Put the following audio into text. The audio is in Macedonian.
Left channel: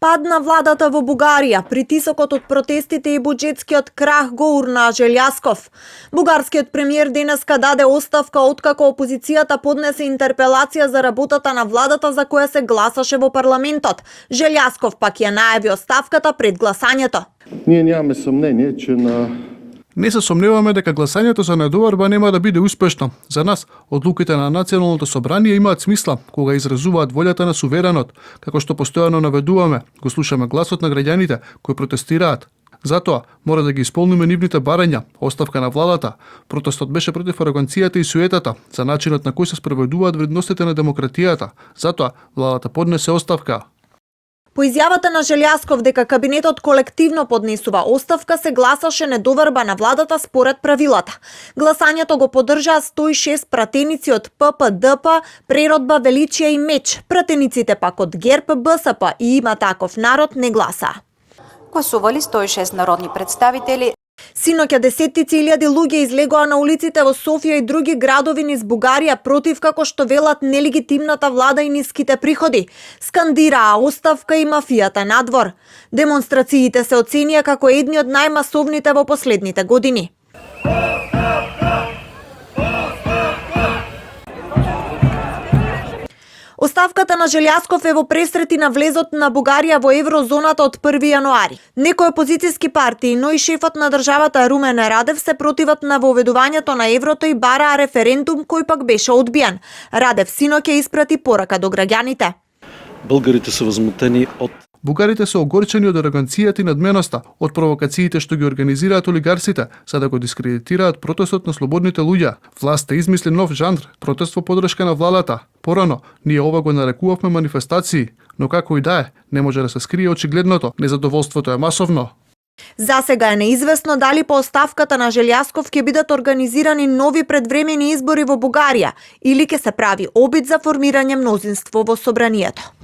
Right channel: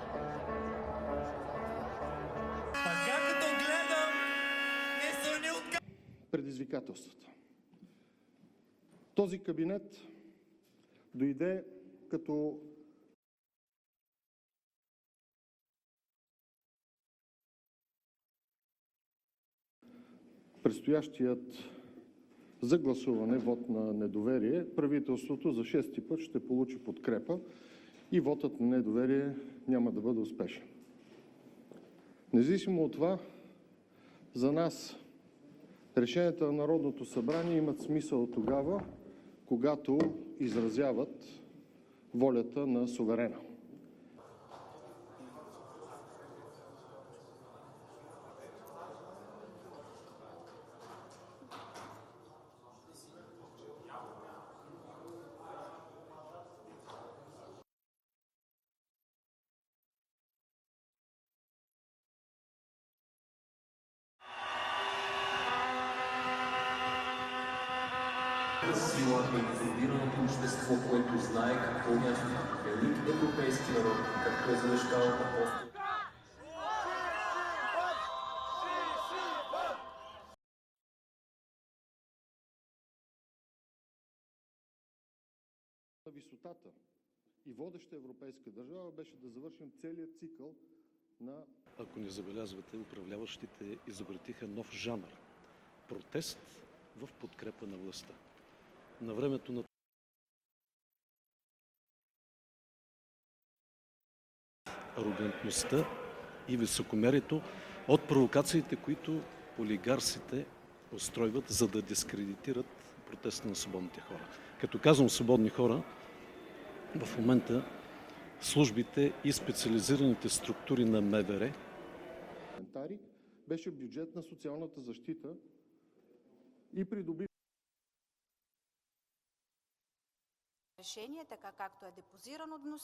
Пад на владата во Бугарија, притисокот од протестите и буџетскиот крах го урна Желјасков. Бугарскиот премиер денеска даде оставка откако опозицијата поднесе интерпелација за работата на владата за која се гласаше во парламентот. Желјасков пак ја најави оставката пред гласањето. Ние немаме сомнение, че Не се сомневаме дека гласањето за недоварба нема да биде успешно. За нас, одлуките на Националното собрание имаат смисла кога изразуваат волјата на суверенот, како што постојано наведуваме, го слушаме гласот на граѓаните кои протестираат. Затоа мора да ги исполниме нивните барања, оставка на владата. Протестот беше против ароганцијата и суетата, за начинот на кој се спроведуваат вредностите на демократијата. Затоа владата поднесе оставка. По изјавата на Желјасков дека кабинетот колективно поднесува оставка, се гласаше недоварба на владата според правилата. Гласањето го поддржаа 106 пратеници од ППДП, Преродба, Величија и Меч. Пратениците пак од ГЕРБ, БСП и Има таков народ не гласа. Гласували 106 народни представители. Синоќа десеттици илјади луѓе излегоа на улиците во Софија и други градови низ Бугарија против, како што велат, нелегитимната влада и ниските приходи. Скандираа оставка и мафијата надвор. Демонстрациите се оценија како едни од најмасовните во последните години. Оставката на Желјасков е во пресрети на влезот на Бугарија во еврозоната од 1 јануари. Некои опозицијски партии, но и шефот на државата Румен Радев се противат на воведувањето на еврото и бараа референдум кој пак беше одбиен. Радев синоќа испрати порака до граѓаните. Българите се возмутени од Бугарите се огорчени од ароганцијата и надменоста, од провокациите што ги организираат олигарсите, за да го дискредитираат протестот на слободните луѓе. Власта измисли нов жанр, протест во поддршка на владата. Порано, ние ова го нарекувавме манифестации, но како и да е, не може да се скрие очигледното, незадоволството е масовно. За сега е неизвестно дали по оставката на Желјасков ќе бидат организирани нови предвремени избори во Бугарија или ќе се прави обид за формирање мнозинство во собранието.